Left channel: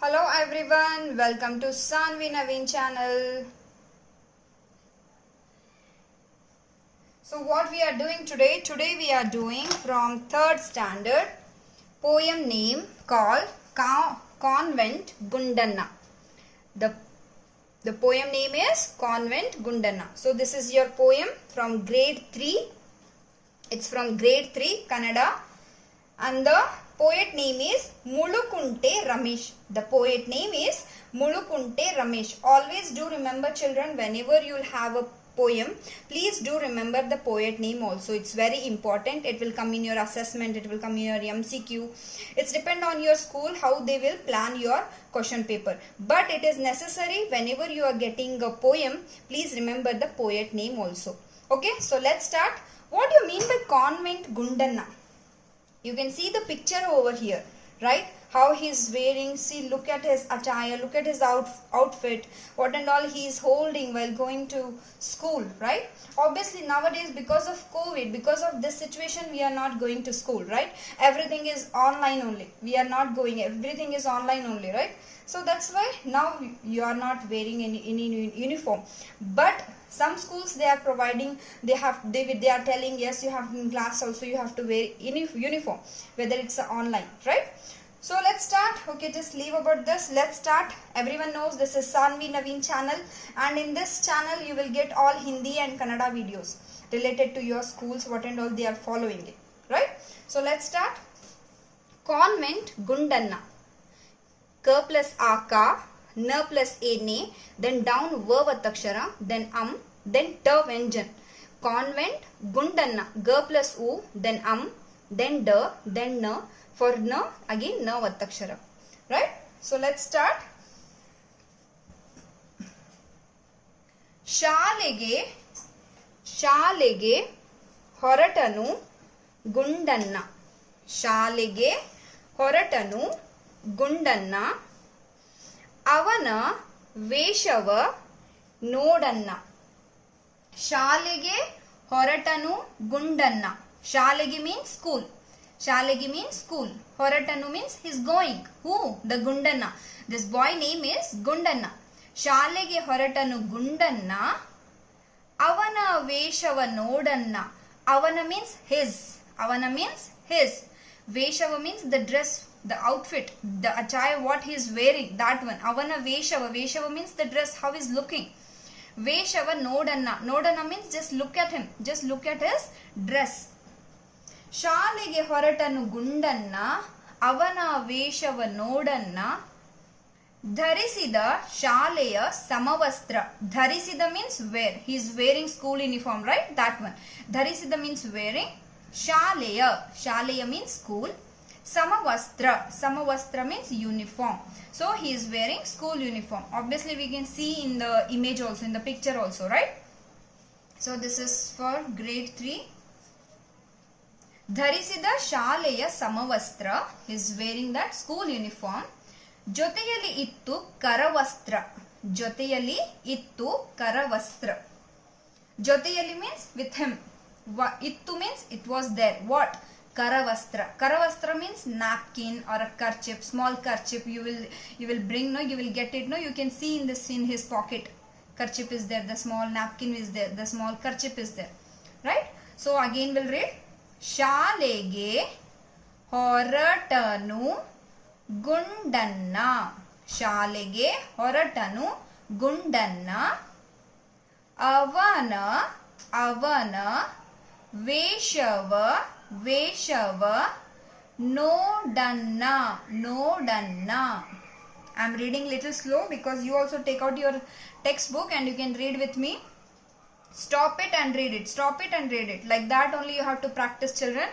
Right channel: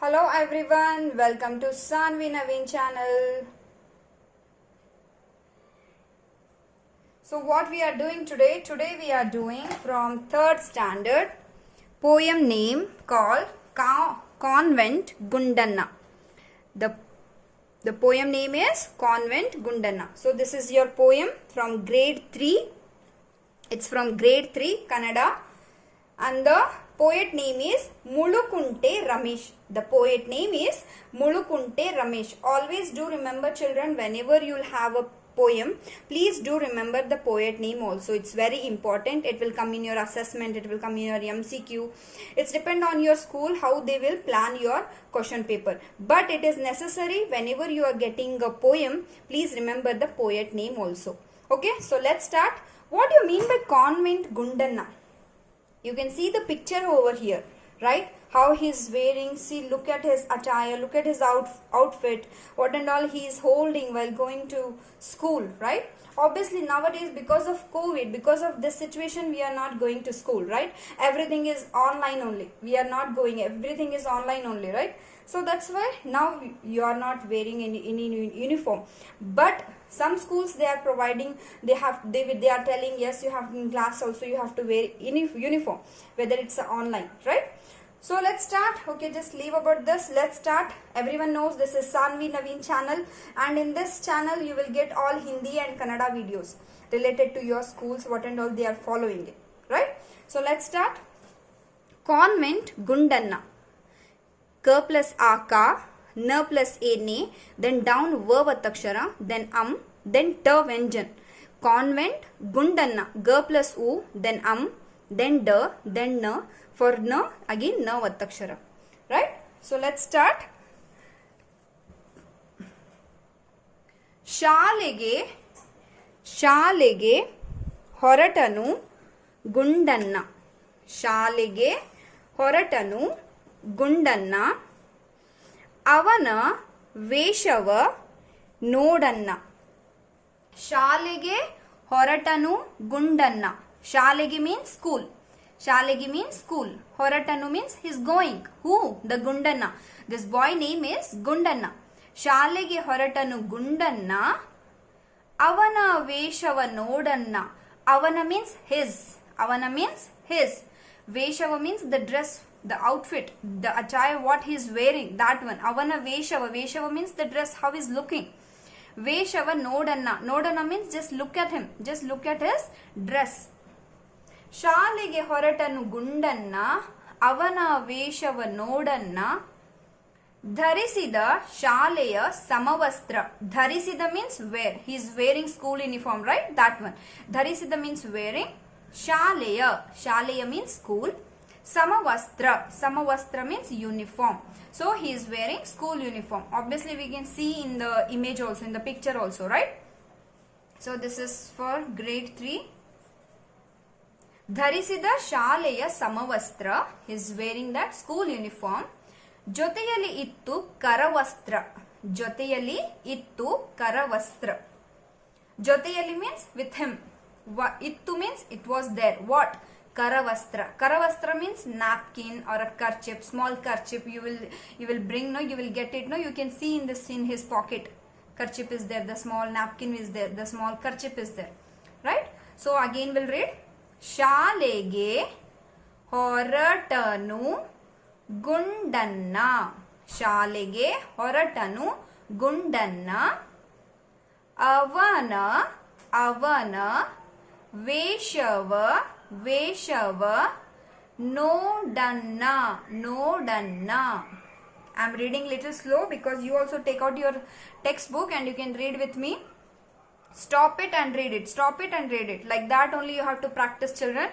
Hello everyone, welcome to Sanvi Naveen channel. So what we are doing today? Today we are doing from 3rd standard poem name called Convent Gundanna. The poem name is Convent Gundanna. So this is your poem from grade 3. It's from grade 3 Kannada and the poet name is Mulukunte Ramesh. The poet name is Mulukunte Ramesh. Always do remember, children, whenever you will have a poem, please do remember the poet name also. It's very important. It will come in your assessment. It will come in your MCQ. It's depend on your school how they will plan your question paper. But it is necessary whenever you are getting a poem, please remember the poet name also. Okay, so let's start. What do you mean by Convent Gundanna? You can see the picture over here, right? How he's wearing, see, look at his attire, look at his outfit, what and all he is holding while going to school, right? Obviously nowadays because of COVID, because of this situation, we are not going to school, right? Everything is online only. We are not going, everything is online only, right? So that's why now you are not wearing any uniform. But some schools they are providing, they are telling, yes, you have in class also you have to wear uniform, whether it's online, right? So let's start. Okay, just leave about this. Let's start. Everyone knows this is Sanvi Naveen channel, and in this channel you will get all Hindi and Kannada videos related to your schools, what and all they are following it, right? So let's start. Convent Gundanna. K plus A ka, N plus A ne, then down Vatakshara, then then T Venjan. Convent Gundanna. G plus U, then then D, then N. For N, again N Vatakshara. Right? So let's start. ಶಾಲೆಗೆ ಹೊರಟನು ಗುಂಡನ್ನ. ಶಾಲೆಗೆ ಹೊರಟನು ಗುಂಡನ್ನ. ಅವನ ವೇಷವ ನೋಡನ್ನ. ಶಾಲೆಗೆ ಹೊರಟನು ಗುಂಡನ್ನ. ಶಾಲೆಗೆ means school. Shalegi means school. Horatanu means he's going. Who? The Gundanna. This boy name is Gundanna. Shalege Horatanu Gundanna. Avana Veshava Nodanna. Avana means his. Avana means his. Veshava means the dress, the outfit, the attire, what he is wearing. That one. Avana Veshava. Veshava means the dress, how he is looking. Veshava Nodanna. Nodanna means just look at him. Just look at his dress. ಶಾಲೆಗೆ ಹೊರಟನು ಗುಂಡನ್ನ. ಅವನ ವೇಷವ ನೋಡನ್ನ. ಧರಿಸಿದ ಶಾಲೆಯ ಸಮವಸ್ತ್ರ. ಧರಿಸಿದ means wear. He is wearing school uniform, right? That one. ಧರಿಸಿದ means wearing. ಶಾಲೆಯ. ಶಾಲೆಯ means school. Samavastra. Samavastra means uniform. So he is wearing school uniform. Obviously we can see in the image also, in the picture also, right? So this is for grade 3. ಧರಿಸಿದ ಶಾಲೆಯ ಸಮವಸ್ತ್ರ. Is wearing that school uniform. ಜೊತೆಯಲ್ಲಿ ಇತ್ತು ಕರವಸ್ತ್ರ. ಜೊತೆಯಲ್ಲಿ ಇತ್ತು ಕರವಸ್ತ್ರ. ಜೊತೆಯಲ್ಲಿ means with him. ಇತ್ತು means it was there. What? Karavastra. Karavastra means napkin or a kerchief, small kerchief. You will bring, no, you will get it, no. You can see in his pocket. Kerchief is there. The small napkin is there. The small kerchief is there, right? So again we'll read. ಶಾಲೆಗೆ ಹೊರಟನು ಗುಂಡನ್ನ. ಶಾಲೆಗೆ ಹೊರಟನು ಗುಂಡನ್ನ. ಅವನ ವೇಷವ ನೋಡನ್ನ. I'm reading little slow because you also take out your textbook and you can read with me. Stop it and read it. Stop it and read it. Like that only you have to practice, children.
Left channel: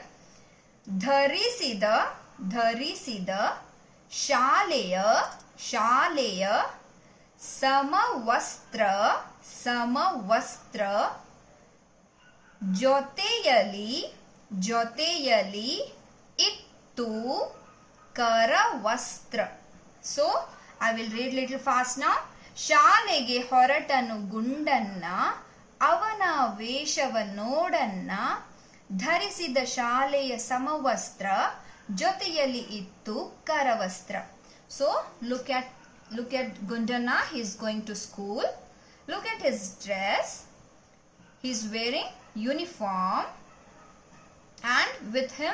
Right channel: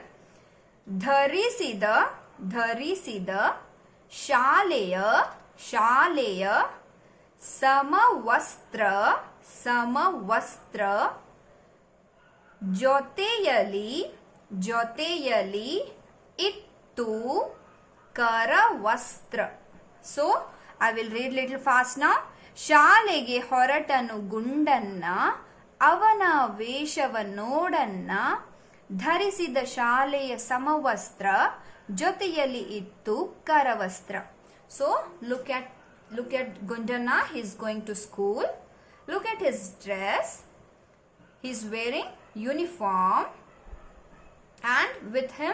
ಧರಿಸಿದ ಶಾಲೆಯ ಸಮವಸ್ತ್ರ. ಜೊತೆಯಲ್ಲಿ ಇತ್ತು ಕರವಸ್ತ್ರ. So I will read little fast now. ಶಾಲೆಗೆ ಹೊರಟನು ಗುಂಡನ್ನ. ಅವನ ವೇಷವ ನೋಡನ್ನ. ಧರಿಸಿದ ಶಾಲೆಯ ಸಮವಸ್ತ್ರ. ಜೊತೆಯಲ್ಲಿ ಇತ್ತು ಕರವಸ್ತ್ರ. So look at Gundanna. He's going to school. Look at his dress. He's wearing uniform, and with him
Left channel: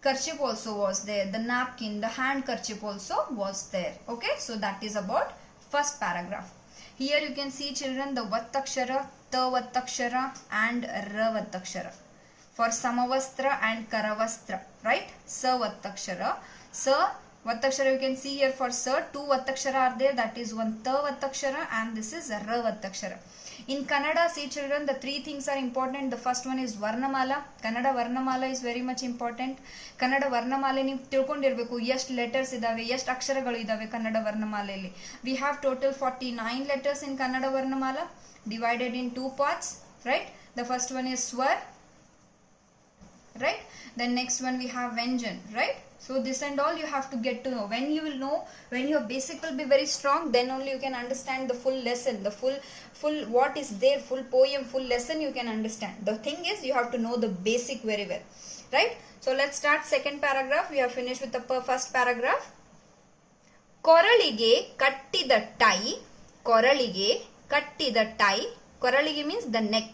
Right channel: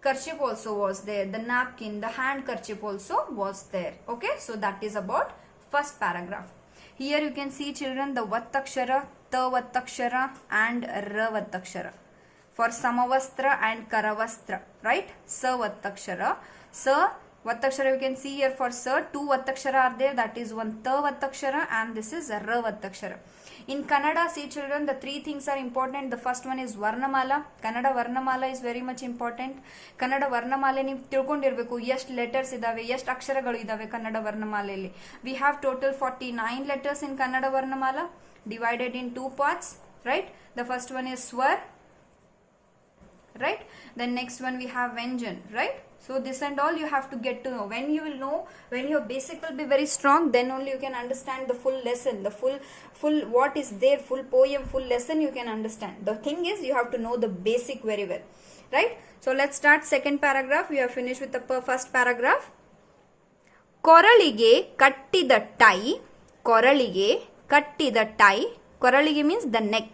kerchief also was there. The napkin, the handkerchief also was there. Okay, so that is about first paragraph. Here you can see, children, the Vattakshara, Ta Vattakshara and Ra Vattakshara. For Samavastra and Karavastra, right? Sa Vattakshara. Sa Vattakshara you can see here for Sa. Two Vattakshara are there. That is one Ta Vattakshara and this is Ra Vattakshara. In Kannada, see children, the three things are important. The first one is Varnamala. Kannada Varnamala is very much important. Kannada Varnamala ನೀವು ತಿಳ್ಕೊಂಡಿರಬೇಕು ಎಷ್ಟು letters ಇದಾವೆ, ಎಷ್ಟು ಅಕ್ಷರಗಳು ಇದಾವೆ Kannada ವರ್ಣಮಾಲೆಯಲ್ಲಿ. We have total 49 letters in Kannada Varnamala divided in two parts, right? The first one is Swar, right? Then next one we have Vyanjan, right? So this and all you have to get to know. When you will know, when your basic will be very strong, then only you can understand the full lesson, the full what is there, full poem, full lesson you can understand. The thing is you have to know the basic very well, right? So let's start second paragraph. We are finished with the first paragraph. ಕೊರಳಿಗೆ ಕಟ್ಟಿದ tie, ಕೊರಳಿಗೆ ಕಟ್ಟಿದ tie. ಕೊರಳಿಗೆ means the neck.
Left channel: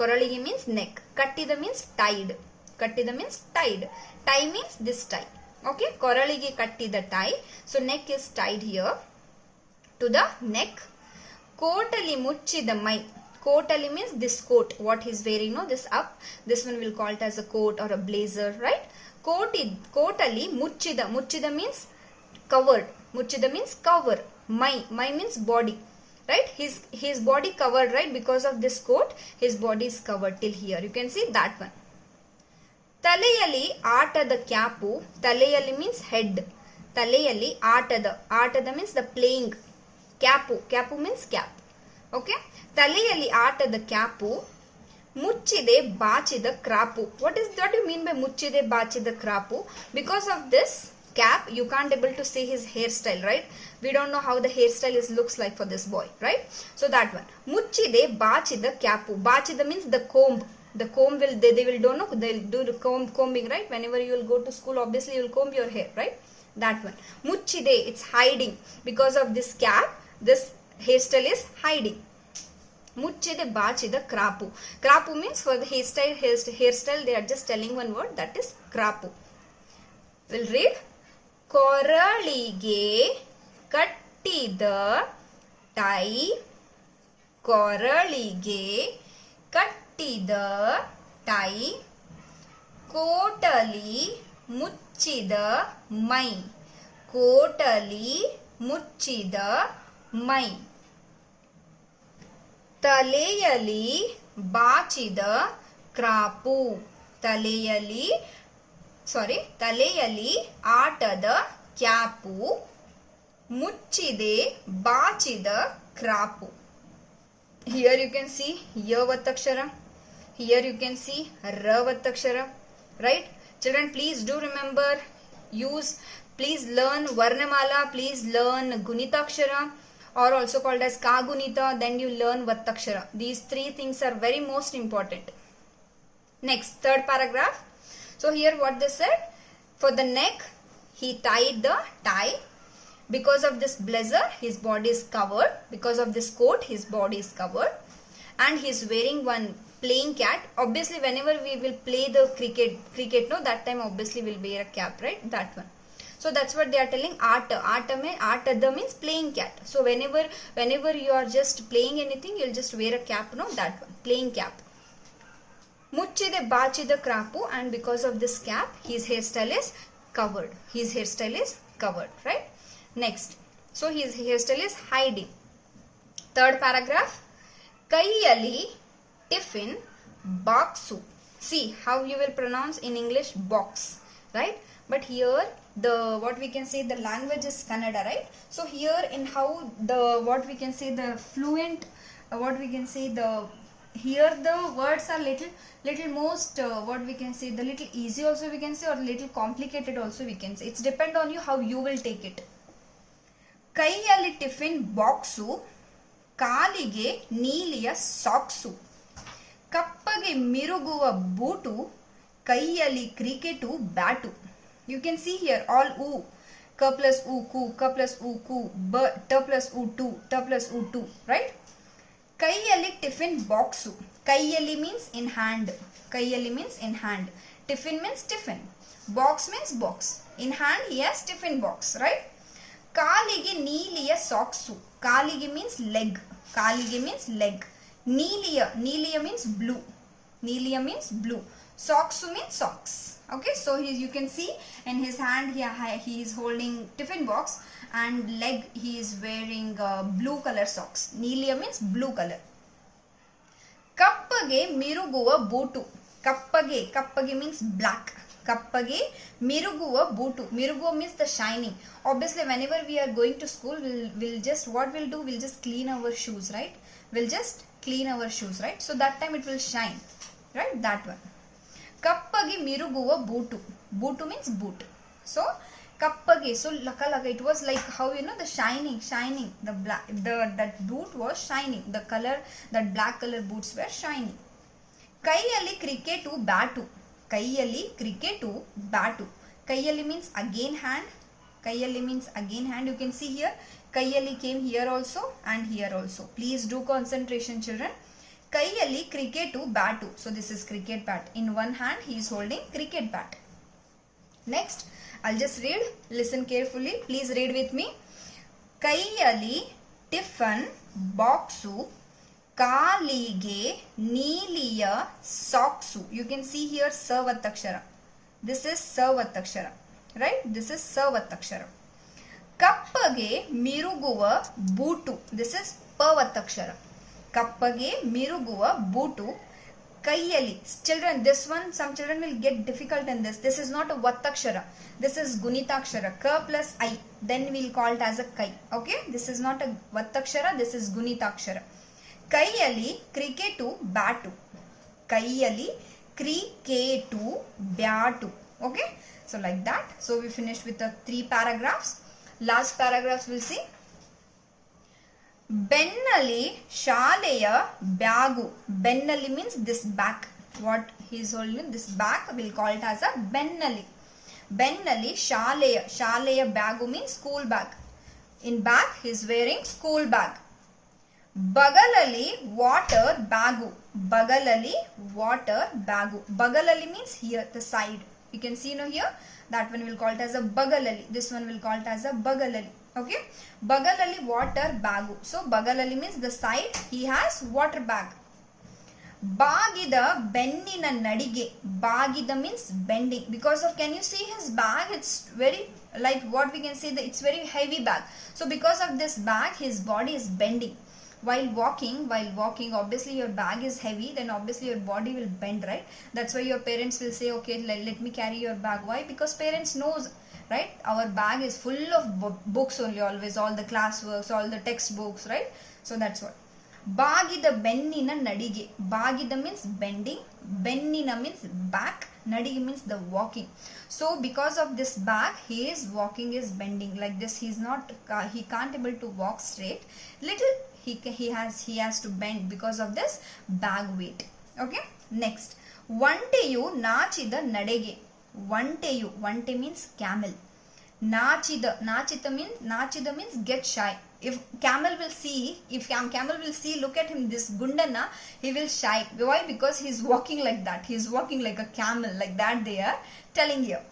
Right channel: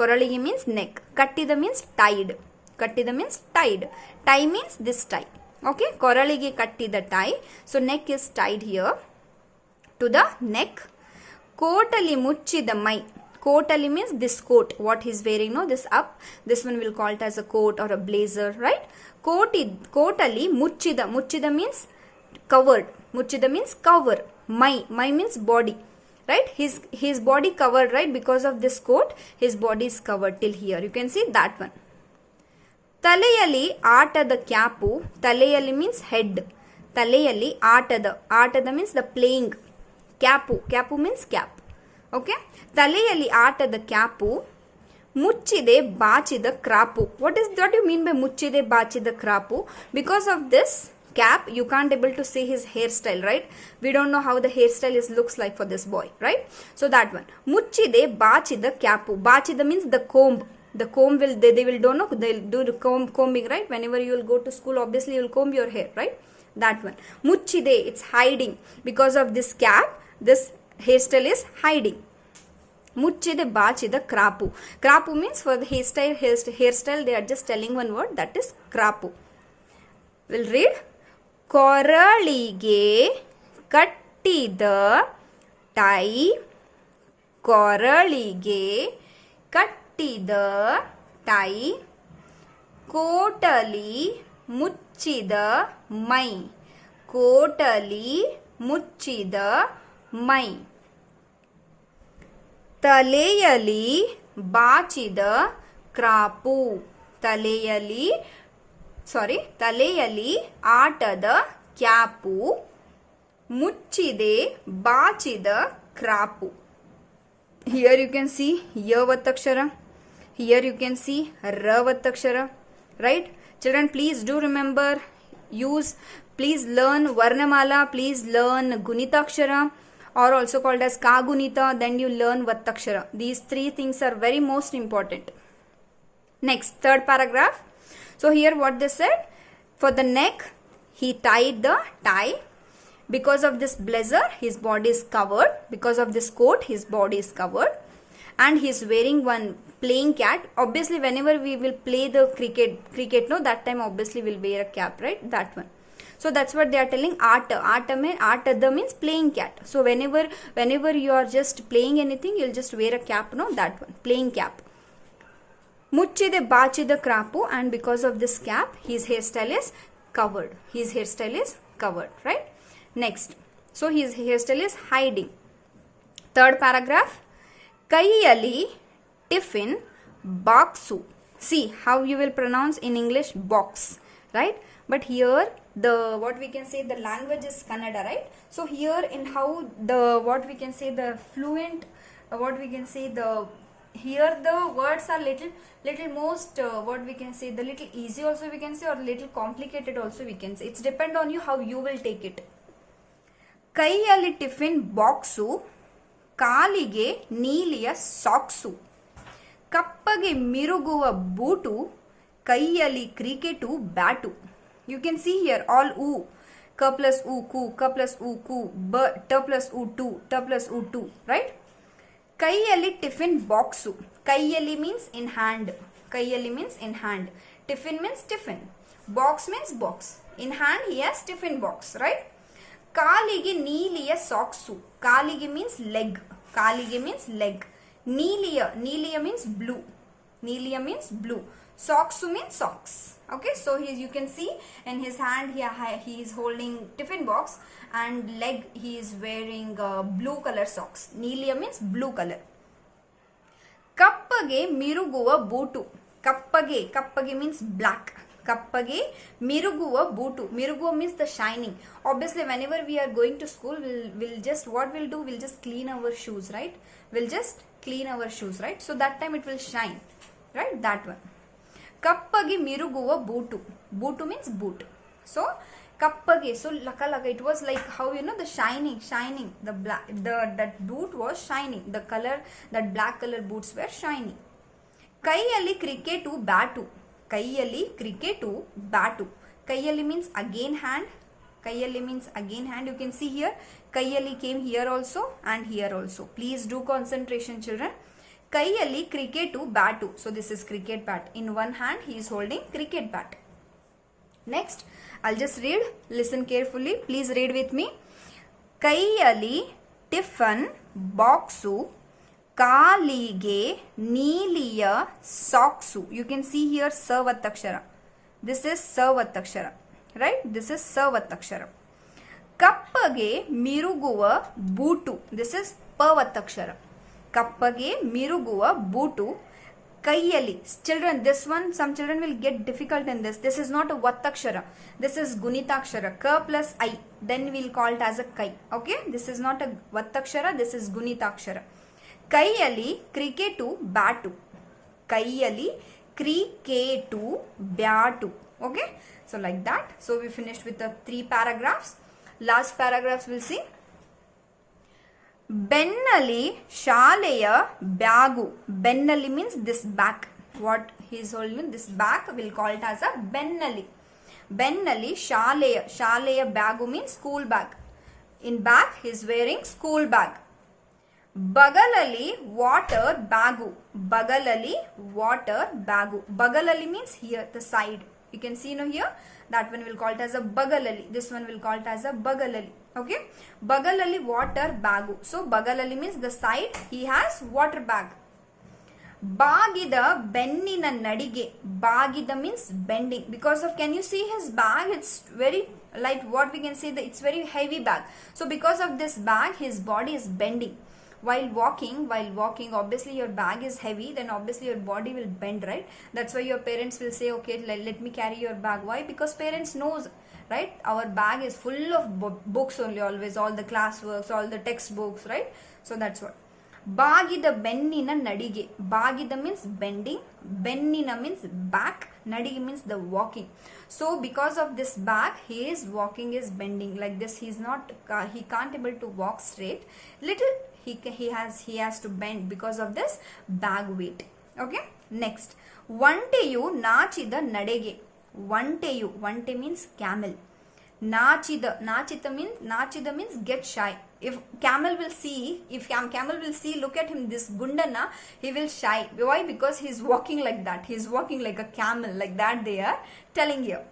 ಕೊರಳಿಗೆ means neck. ಕಟ್ಟಿದ means tied. Kattida means tied. Tie means this tie. Okay. Koralige kattida tie. So neck is tied here to the neck. Kotali muchida mai. Kotali means this coat. What he's wearing. No, this up. This one will call it as a coat or a blazer. Right. Kotali muchida. Muchida means covered. Muchida means cover. Mai. Mai means body. Right. His body covered. Right. Because of this coat, his body is covered till here. You can see that one. ತಲೆಯಲ್ಲಿ ಆಟದ cap. ತಲೆಯಲ್ಲಿ means head. ತಲೆಯಲ್ಲಿ ಆಟದ means the playing. Cap means cap. Okay. ತಲೆಯಲ್ಲಿ ಆಟದ cap. ಮುಚ್ಚಿದೆ ಬಾಚಿದ crop. What you mean by ಮುಚ್ಚಿದೆ ಬಾಚಿದ crop? Because of this cap you can't able to see his hairstyle, right? We don't know how the hairstyle looks like for this boy, right? So that one. Muchide bachida capu. Bachida means the comb. The comb will they will don't know, they'll do the combing, right? Whenever you will go to school, obviously you will comb your hair, right? That one. Muchide, it's hiding. Because of this cap, this hairstyle is hiding. Muchide bachida krapu. Krapu means for the hairstyle they are just telling one word, that is krapu. We'll read. ಕೊರಳಿಗೆ ಕಟ್ಟಿದ tie. ಕೊರಳಿಗೆ ಕಟ್ಟಿದ tie. ಕೋಟಲಿ ಮುಚ್ಚಿದ ಮೈ. ಕೋಟಲಿ ಮುಚ್ಚಿದ ಮೈ. ತಲೆಯಲ್ಲಿ ಬಾಚಿದ crop. ತಲೆಯಲ್ಲಿ ಆಟದ cap. ಮುಚ್ಚಿದೆ ಬಾಚಿದ crop. Here you can see Ya Vattakshara. Here you can see Ra Vattakshara. Right? Children, please do remember, please learn Varnamala, please learn Gunitakshara, or also called as Kagunita, then you learn Vattakshara. These three things are very most important. Next, third paragraph. So here what they said, for the neck, he tied the tie. Because of this blazer, his body is covered. Because of this coat, his body is covered. And he is wearing one playing cap. Obviously, whenever we will play the cricket, no, that time obviously we'll wear a cap, right? That one. So that's what they are telling. Atada means playing cap. So whenever you are just playing anything, you'll just wear a cap, no, that one, playing cap. Muchide bachida krapu, and because of this cap, his hairstyle is covered. Right? Next. So his hairstyle is hiding. Third paragraph. Kaiyali tiffin boxu. See how you will pronounce in English box, right? But here the what we can say the language is Kannada, right? So here in how the what we can say the fluent what we can say the here the words are little most what we can say the little easy also we can say, or little complicated also we can say. It's depend on you how you will take it. ಕೈಯಲ್ಲಿ tiffin box. ಕಾಲಿಗೆ ನೀಲಿಯ socks. ಕಪ್ಪಗೆ ಮಿರುಗುವ boot. ಕೈಯಲ್ಲಿ cricket bat. You can see here all oo. K plus U, ku, K plus U, ku, B, T plus U, tu, T plus U, tu, right? Kaiyali tiffin boxu. Kaiyali means in hand. Kaiyali means in hand. Tiffin means tiffin. Box means box. In hand he has tiffin box, right? Kaligi neeliya socksu. Kaligi means leg. Kaligi means leg. Neeliya. Neeliya means blue. Neeliya means blue. Socksu means socks. Okay, so you can see in his hand he is holding tiffin box, and leg he is wearing blue color socks. Neeliya means blue color. Kappage miruguva bootu. Kappage means black. Kappage miruguva bootu. Miruguva means the shining. Obviously whenever we are going to school, we'll just, what we'll do, we'll just clean our shoes, right? We'll just clean our shoes, right? So that time it will shine, right? That one. Kappagi miruguva bootu. Bootu means boot. So kappage, so laka, it was like how, you know, the shining, the black, that boot was shining. The color, that black color boots were shining. Kaiyali cricketu batu. Kaiyali cricketu batu. Kaiyali means again hand. Kaiyali means again hand. You can see here, Kaiyali came here also and here also. Please do concentration, children. Kaiyali cricketu batu. So this is cricket bat. In one hand he is holding cricket bat. Next, I'll just read. Listen carefully. Please read with me. Kaiyali tiffin boxu. Kalige neeliya socksu. You can see here Savattakshara. This is Savattakshara. Right? This is Savattakshara. Kappage miruguva bootu. This is Pavattakshara. Kappage miruguva bootu. Kaiyali. Children, this one, some children will get difficult in this. This is not a Vattakshara. This is Gunitakshara. K plus I. Then we'll call it as a Kai. Okay? This is not a Vattakshara. This is Gunitakshara. Kaiyali cricketu batu. Kaiyali cricketu batu. Okay? So like that. So we finished with the 3 paragraphs. Last paragraphs we'll see. Bennali Shaleya Bagu. Bennali means this bag. What he is holding, this bag, we'll call it as a Bennali. Bennali Shaleya. Shaleya Bagu means school bag. In bag he is wearing school bag. Bagalali water bagu. Bagalali water bagu. Bagalali means here, the side. You can see now here. That one will call it as a bagalali. This one will call it as a bagalali. Okay. Bagalali water bagu. So bagalali means the side. He has water bag. Bagida bennina nadige. Bagida means bending. Because of, can you see his bag? It's very, like what we can say, that it's very heavy bag. So because of this bag, his body is bending. While walking, obviously your bag is heavy, then obviously your body will bend, right? That's why your parents will say, okay, let me carry your bag. Why? Because parents knows, right? Our bag is full of books only, always, all the classworks, all the textbooks, right? So that's what. Bagida bennina nadige. Bagida means bending. Bennina means back. Nadige means the walking. So because of this bag, he is walking, is bending like this. He can't able to walk straight. Little he has to bend because of this bag weight. Okay. Next, Vanteyu nachida nadege. Vanteyu. Vante means camel. Nachida means get shy. If camel will see, look at him, this Gundana, he will shy. Why? Because he is walking like that. He is walking like a camel, like that they are telling here.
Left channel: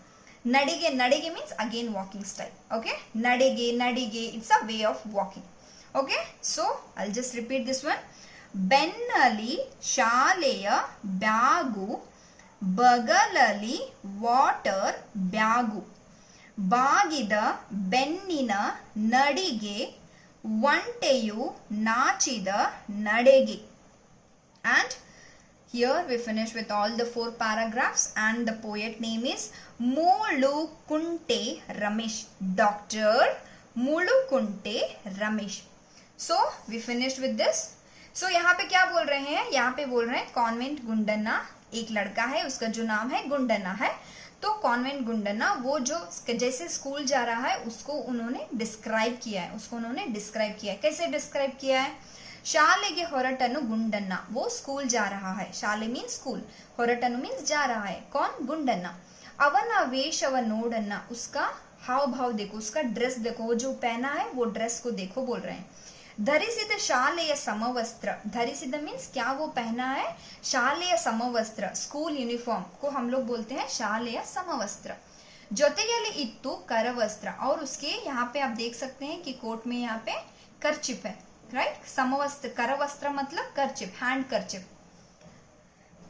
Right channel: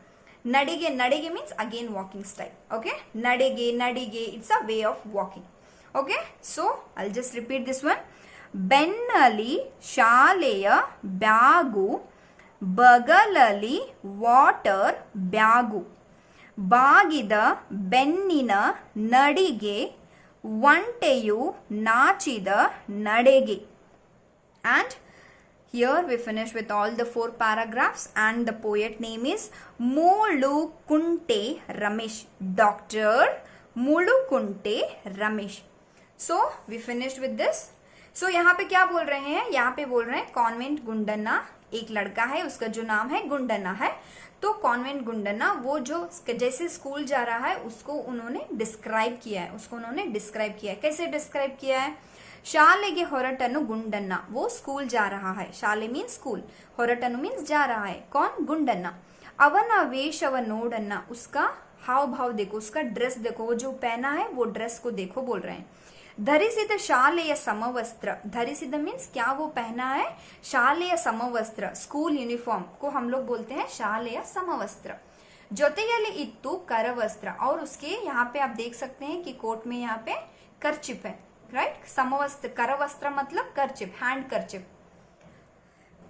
Nadige means again walking style. Okay. Nadige, it's a way of walking. Okay. So I'll just repeat this one. Bennali Shaleya Bagu. Bagalali water bagu. Bagida bennina nadige. Vanteyu nachida nadege. And here we finish with all the 4 paragraphs, and the poet name is Mulukunte Ramesh. Dr. Mulukunte Ramesh. So we finished with this. So यहाँ पे क्या बोल रहे हैं? यहाँ पे बोल रहे हैं कॉन्वेंट गुंडन्ना एक लड़का है, उसका जो नाम है गुंडन्ना है. तो कॉन्वेंट गुंडन्ना वो जो जैसे स्कूल जा रहा है उसको उन्होंने डिस्क्राइब किया है. कैसे डिस्क्राइब किया है? शालेगे होरटनु गुंडन्ना, वो स्कूल जा रहा है. शाले मीन्स स्कूल, होरटनु मीन्स जा रहा है. कौन? गुंडन्ना. अवन वेशव नोडन्ना, उसका हाव भाव देखो, उसका ड्रेस देखो, वो जो पहना है वो ड्रेस को देखो बोल रहे हैं। धरिसिद शालेय समवस्त्र, धरिसिद मीन्स क्या वो पहना है, शालेय समवस्त्र स्कूल यूनिफॉर्म को हम लोग बोलते हैं शालेय समवस्त्र। जोतेगली इत्तु करवस्त्र, और उसके यहाँ पे आप देख सकते हैं कि कोट में यहाँ पे करचिप है, राइट। समवस्त्र करवस्त्र मतलब करचिप, हैंड करचिप।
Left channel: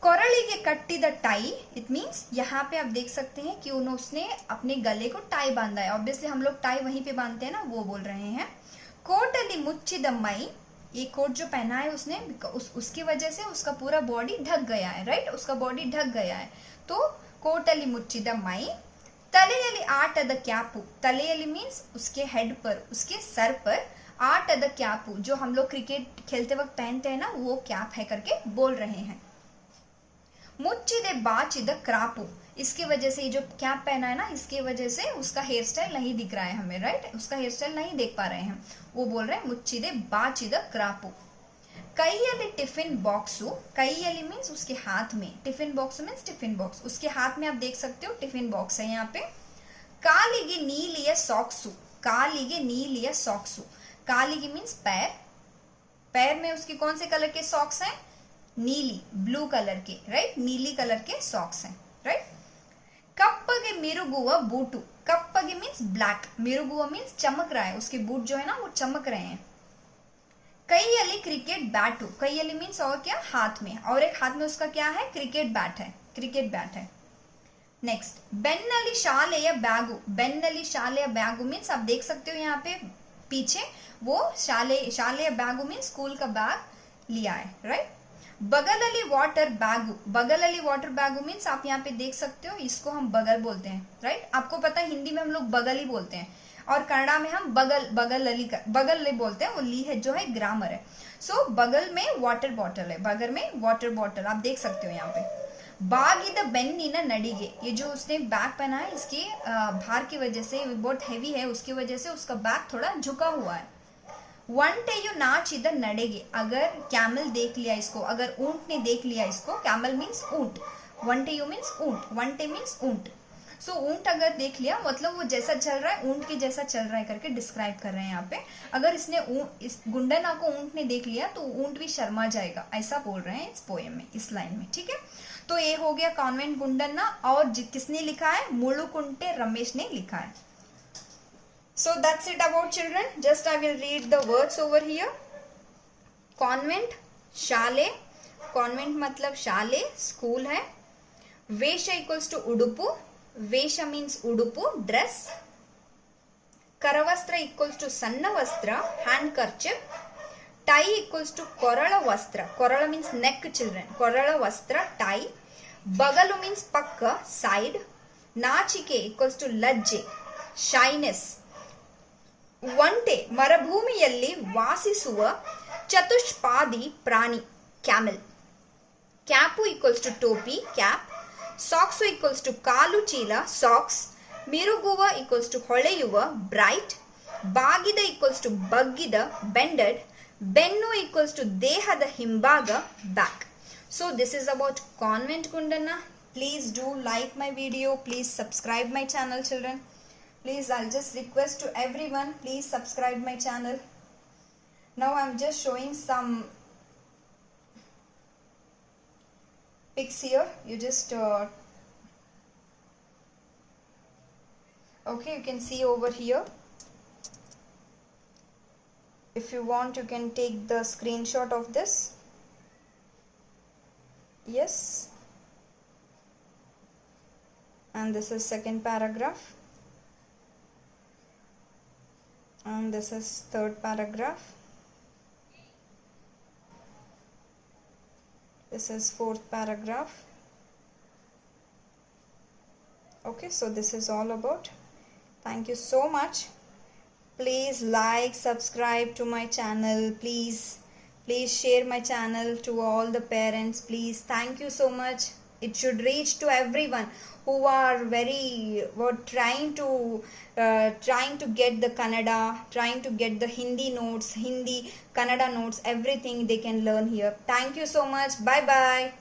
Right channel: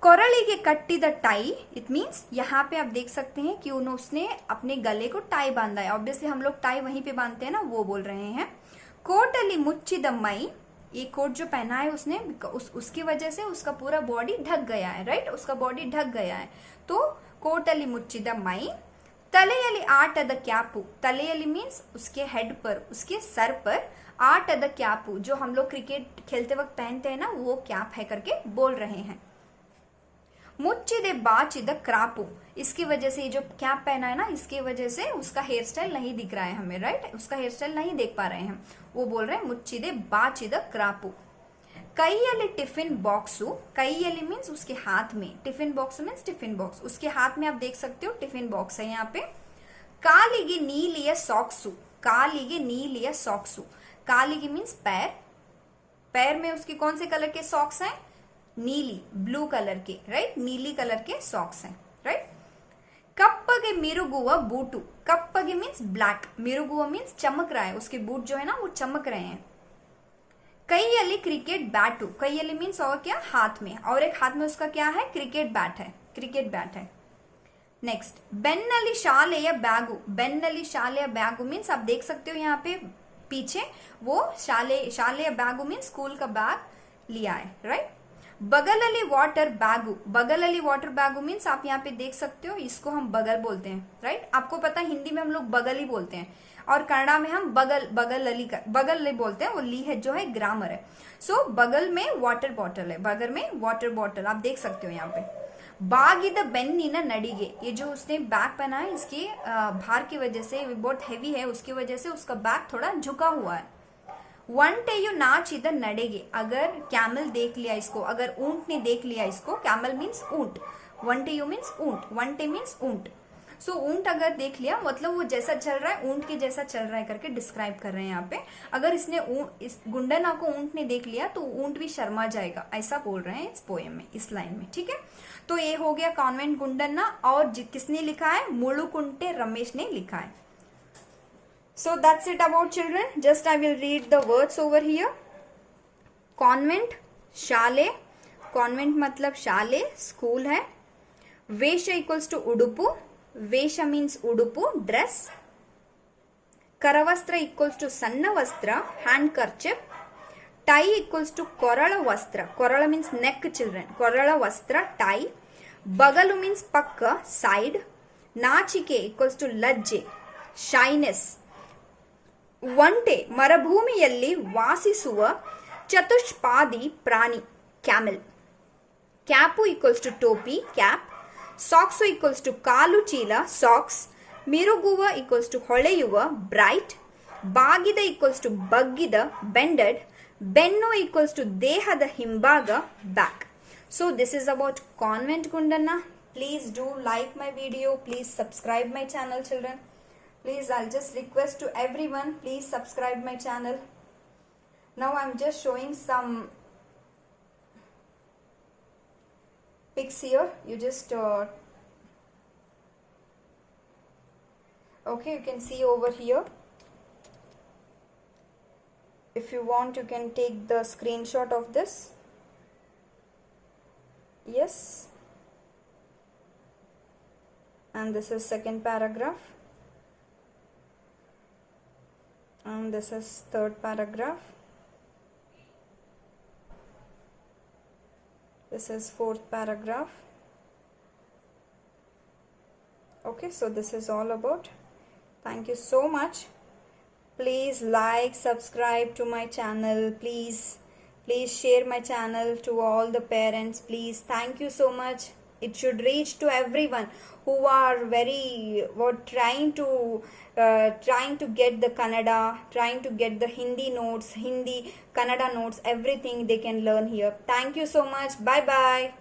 कोरಳಿಗೆ कट्टिद टाई, इट मीन्स यहाँ पे आप देख सकते हैं कि उसने अपने गले को टाई बांधा है। ऑब्वियसली हम लोग टाई वहीं पे बांधते हैं ना, वो बोल रहे हैं। कोटली मुच्चिद मई, ये कोट जो पहना है उसने उसकी वजह से उसका पूरा बॉडी ढक गया है, राइट, उसका बॉडी ढक गया है। तो कोटली मुच्चिद मई। तलेयली आटद क्यापु, तलेयली मीन्स उसके हेड पर, उसके सर पर, आटद क्यापु जो हम लोग क्रिकेट खेलते वक्त पहनते हैं ना, वो कैप है करके बोल रहे हैं। मुच्चिदे बाचिद क्रापु, इसकी वजह से ये जो कैप पहना है ना, इसकी वजह से उसका हेयर स्टाइल नहीं दिख रहा है हमें, राइट, उसका हेयर स्टाइल नहीं देख पा रहे हैं, वो बोल रहे हैं मुच्चिदे बाचिद क्रापु। कईयली टिफिन बॉक्सु, कईयली मीन्स उसके हाथ में, tiffin box means tiffin box, उसके हाथ में आप देख सकते हो टिफिन बॉक्स है यहाँ पे। कालिगे नीलिय सॉक्सु, कालिगे नीलिय सॉक्सु, कालिगे मीन्स पैर, पैर में उसकी कौन से कलर के सॉक्स हैं, नीली, ब्लू कलर के, राइट, नीली कलर के सॉक्स हैं, राइट। कप्पगे मिरुगुवा बूटू, कप्पगे मीन्स ब्लैक, मिरुगुवा मीन्स चमक रहा है, उसके बूट जो है ना वो चमक रहे हैं। कईयली क्रिकेट बैटू, कईयली मीन्स और क्या, हाथ में, और एक हाथ में उसका क्या है, क्रिकेट बैट है, क्रिकेट बैट है। नेक्स्ट, बेन्नली शालेय बैगु, बेन्नली शालेय बैगु मीन्स आप देख सकते हो यहाँ पे पीछे वो शालेय बैगु मीन्स स्कूल का बैग लिया है, राइट। बगलली वाटर बैगु, बगलली वाटर बैगु मीन्स आप यहाँ पे देख सकते हो, इसको हम बगल बोलते हैं, राइट। आपको पता है हिंदी में हम लोग बगल ही बोलते हैं, और कन्नड़ा में हम बगल बोलते हैं, वो ली है जो है ग्रामर है। सो बगल में वाटर बॉटल है, बगल में वाटर बॉटल आप देख सकते हो यहाँ पे। बागिद बेन्निन नडिगे, ये जो उसने बैग पहना है इसके भार की वजह से, बहुत हैवी है, उसकी वजह से उसका बैग थोड़ा झुका हुआ है। वंटेयु नाचिद नडेगे, अगर कैमल देख लिया इसको, अगर ऊंट ने देख लिया इसको, कैमल मीन्स ऊंट, वंटेयु मीन्स ऊंट, वंटे मीन्स ऊंट। सो ऊंट अगर देख लिया मतलब वो जैसा चल रहा है ऊंट के जैसा चल रहा है करके डिस्क्राइब कर रहे हैं यहाँ पे। अगर इसने इस गुंडना को ऊंट ने देख लिया तो ऊंट भी शर्मा जाएगा, ऐसा बोल रहे हैं इस पोएम में, इस लाइन में, ठीक है। तो ये हो गया कॉन्वेंट गुंडना, और किसने लिखा है, मुलुकुंटे रमेश ने लिखा है। So that's it about children. Just I will read the words over here. Convent, Saleh, convent मतलब शाले, स्कूल है। वेश equals to उडुपु, वेश means उडुपु, ड्रेस। करवस्त्र equals to सन्न वस्त्र, handkerchief. Tie equals to कोरल वस्त्र, कोरल means neck children, कोरल वस्त्र, टाई। बगलु means पक्क, साइड। नाचिके equals to लज्जे, शाइनेस। ಒಂಟೆ ಮರುಭೂಮಿಯಲ್ಲಿ ವಾಸಿಸುವ ಚತುಷ್ಪಾದಿ ಪ್ರಾಣಿ, ಕ್ಯಾಮೆಲ್। ಕ್ಯಾಪು ಈಕ್ವಲ್ಸ್ ಟು ಟೋಪಿ, ಕ್ಯಾಪ್। ಸಾಕ್ಸು ಈಕ್ವಲ್ಸ್ ಟು ಕಾಲು ಚೀಲ, ಸಾಕ್ಸ್। ಮಿರುಗುವ ಈಕ್ವಲ್ಸ್ ಟು ಹೊಳೆಯುವ, ಬ್ರೈಟ್। ಬಾಗಿದ ಈಕ್ವಲ್ಸ್ ಟು ಬಗ್ಗಿದ, ಬೆಂಡೆಡ್। ಬೆನ್ನು ಈಕ್ವಲ್ಸ್ ಟು ದೇಹದ ಹಿಂಭಾಗ, back. So this is about Convent Gundana. Please do like my video. Please subscribe my channel, children. Please, I'll just request to everyone, please subscribe my channel. Now I'm just showing some pics here. You just okay, you can see over here. If you want, you can take the screenshot of this. Yes. And this is second paragraph. And this is third paragraph. This is fourth paragraph. Okay, so this is all about. Thank you so much. Please like, subscribe to my channel. Please share my channel to all the parents. Please, thank you so much. It should reach to everyone who are trying to get the Kannada, trying to get the Hindi notes, Hindi, Kannada notes, everything they can learn here. Thank you so much. Bye bye.